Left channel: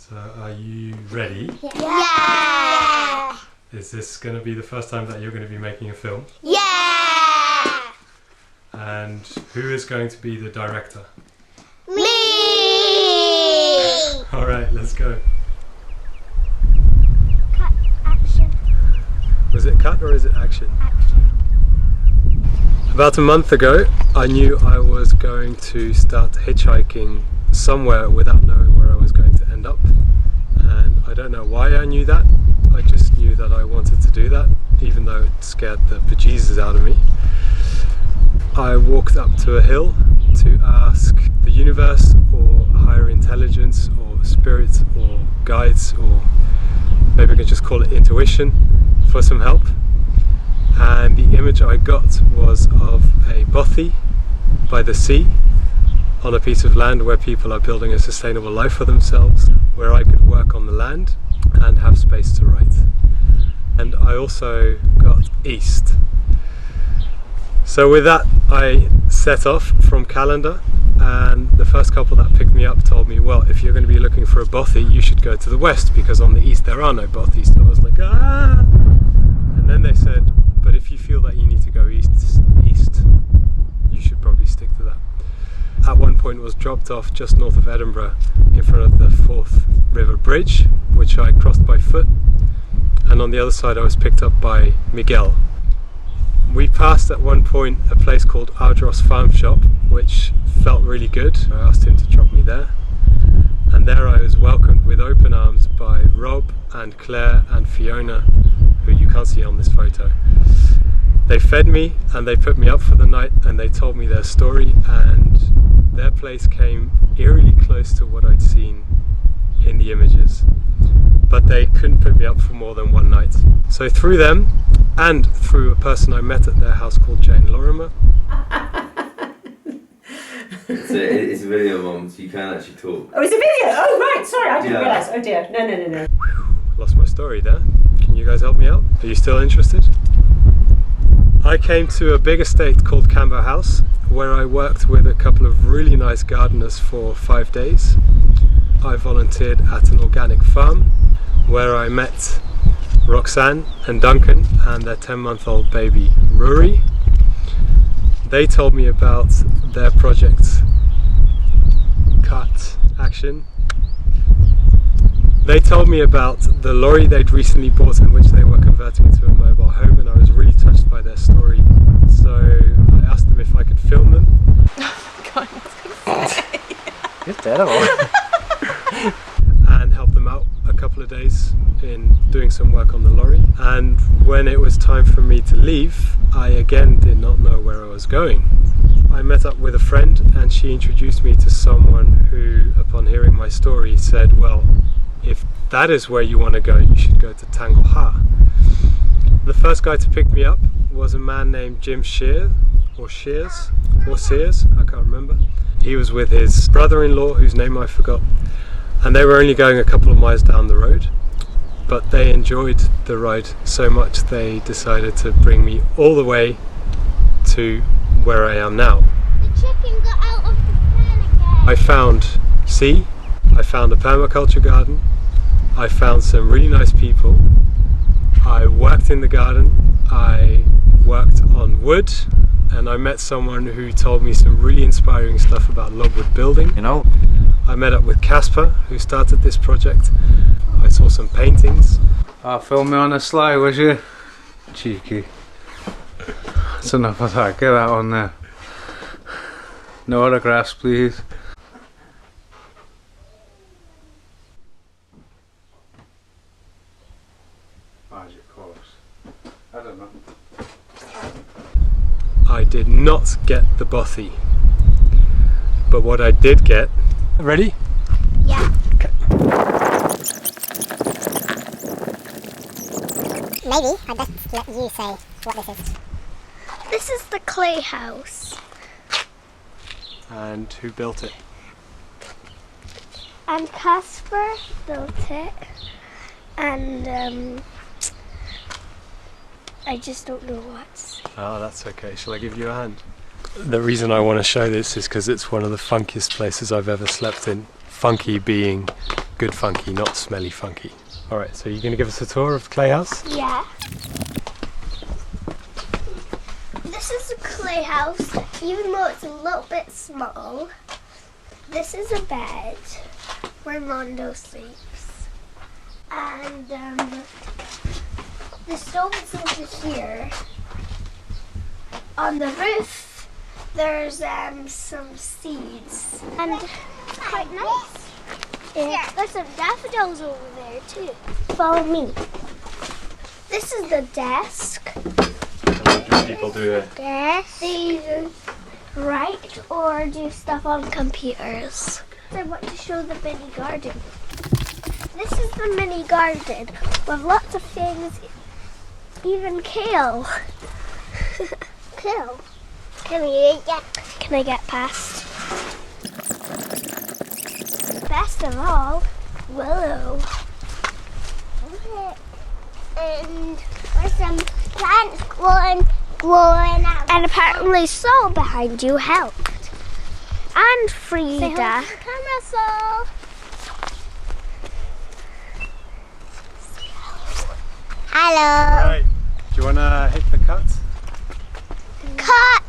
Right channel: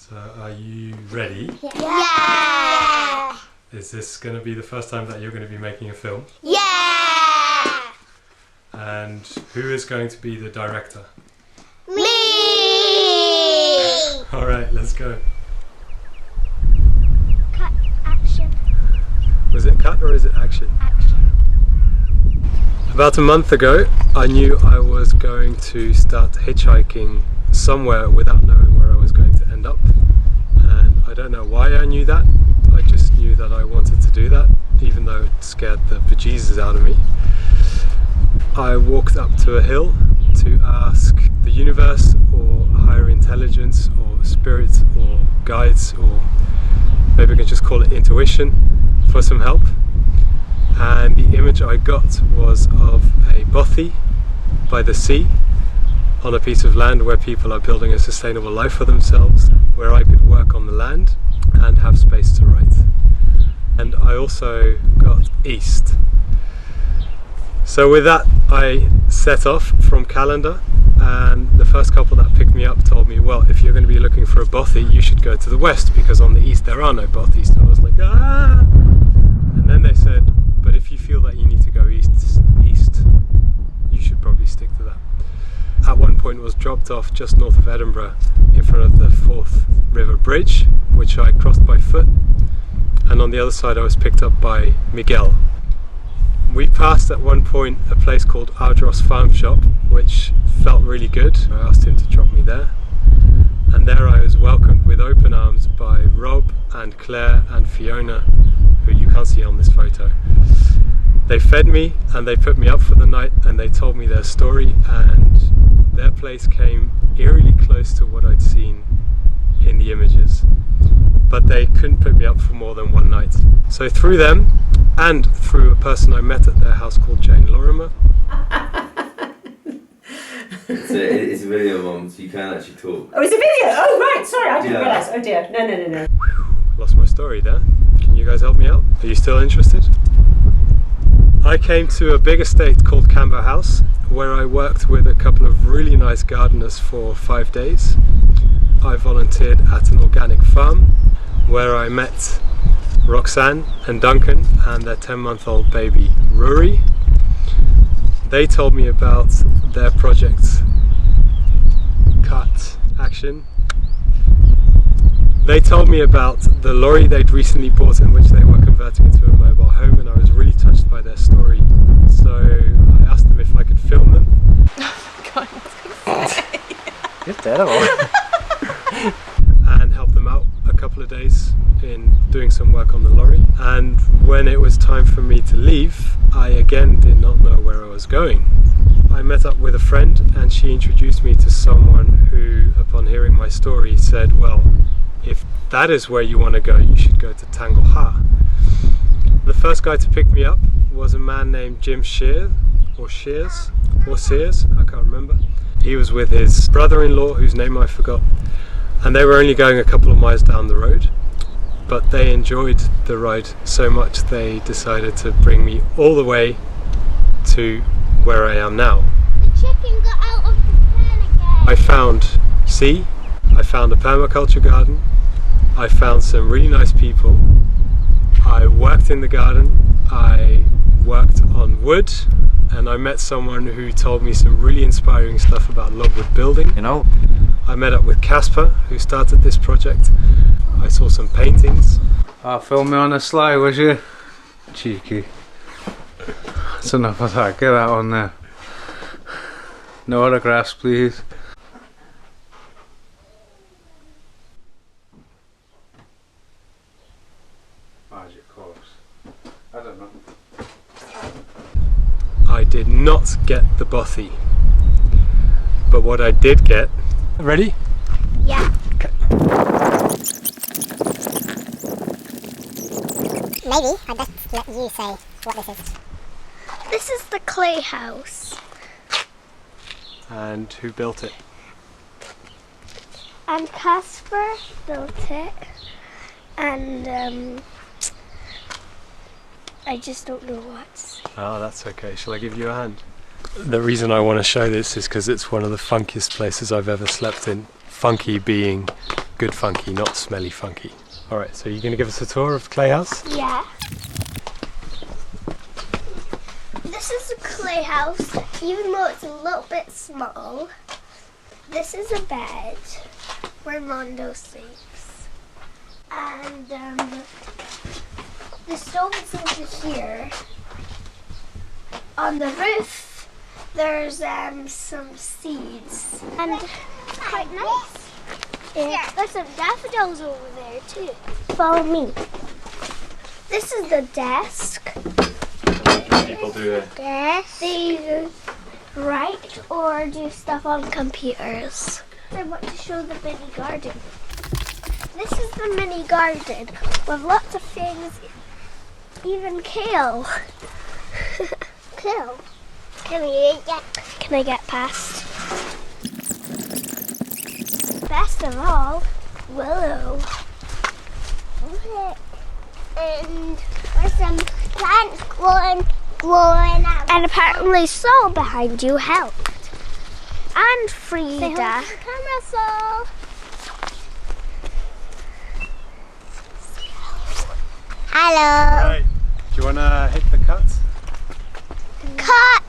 So are you ready? Yeah! Is this going to be the first time that you're going to be making a film? Yeah! And who is going to be the director? Me! Alright, let's go. Cut, action, Was it cut or is it action? action. About a month ago, I knew I was going to start hitchhiking somewhere without knowing where I was going to end up. And I don't know why I knew that. I just knew that I wanted to do that, even though it scared the bejesus out of me. I walked up to a hill to ask the universe or higher intelligence or spirits or guides, or maybe I can just call it intuition, for some help. And the image I got was of a bothy by the sea on a piece of land where people are building a sustainable life for themselves, where I could work on the land and have space to write. And I also got east. So with that I set off from Callander, and the first couple that picked me up told me, well, if you're going to be looking for a bothy, you should go to the west because on the east there are no bothies. So I was like, ah! And then they said, but if you feel that you need to go east, you should probably stick to that. At one point was dropped off just north of Edinburgh in front of the Forth River Bridge, which I crossed by foot, and on the other side I was picked up by Miguel. We passed at one point a place called Ardros Farm Shop, which felt really good. I asked him to drop me there, and there I was welcomed with open arms by Rob and Claire and Fiona, who you can't see on this photo. They fed me and they put me up for the night, and they told me their story, and their place came eerily close to what I'd seen in the images, but they couldn't put me up for more than one night. So through them and through a person I met at their house called Jane Lorimer. It's a video, Mum, so you can actually talk. Oh, it's a video! Oh, right, sorry, I didn't realise. Oh dear, no. Lost my story there. Can you guys help me out? Are you still interested? I came to a big estate called Camber House, where I worked with a couple of really nice gardeners for 5 days. I volunteered at an organic farm where I met Roxanne and Duncan and their 10-month-old baby Rory. They told me about their project Cut Action. They told me about the lorry they'd recently bought in which they were converting into a mobile home, and I was really touched by their story. So I asked them if I could film them. God, what's going to say? You're terrible. And help them out a couple of days in doing some work on the lorry. And when it was time for me to leave, I again did not know where I was going. I met up with a friend and she introduced me to someone who, upon hearing my story, said, well, if that is where you want to go, you should go to Tangleha. The first guy to pick me up was a man named Jim Sears, I can't remember. He was with his brother-in-law, whose name I forgot, and they were only going a couple of miles down the road, but they enjoyed the ride so much they decided to bring me all the way to where I am now. The chicken got out of the pen again. I found sea, I found a permaculture garden, I found some really nice people, I worked in the garden, I worked on wood, and I met someone who told me some really inspiring stuff about logwood building. You know? I met up with Casper, who started this project. I saw some paintings. Film me on the sly, was you? Cheeky. That's enough of that, get that on there. No autographs, please. Magic course. I don't know. I did not get the bothy, but what I did get... Ready? Yeah. Okay. Maybe I'd best let you say what this is. This is the clay house. And who built it? And Casper built it. And I just don't know what. Oh, that's okay. Shall I give you a hand? The reason I want to show this is because it's one of the funkiest places I've ever slept in. Funky being good funky, not smelly funky. Alright, so you're going to give us a tour of the clay house? Yeah. This is a clay house, even though it's a little bit small. This is a bed where Mondo sleeps. And the stove is over here. On the roof, there's some seeds. And it's quite nice. Yeah. There's some daffodils over there too. Follow me. This is the desk. What do people do here? They write or do stuff on computers. I want to show the mini garden. This is the mini garden with lots of things, even kale. Kale. Can I get past? Best of all, willow. And there's some plants growing out. And apparently Saul behind you helped. And Frida. Say hello to the camera, Saul. Hello. Alright, do you want to hit the cut? Cut.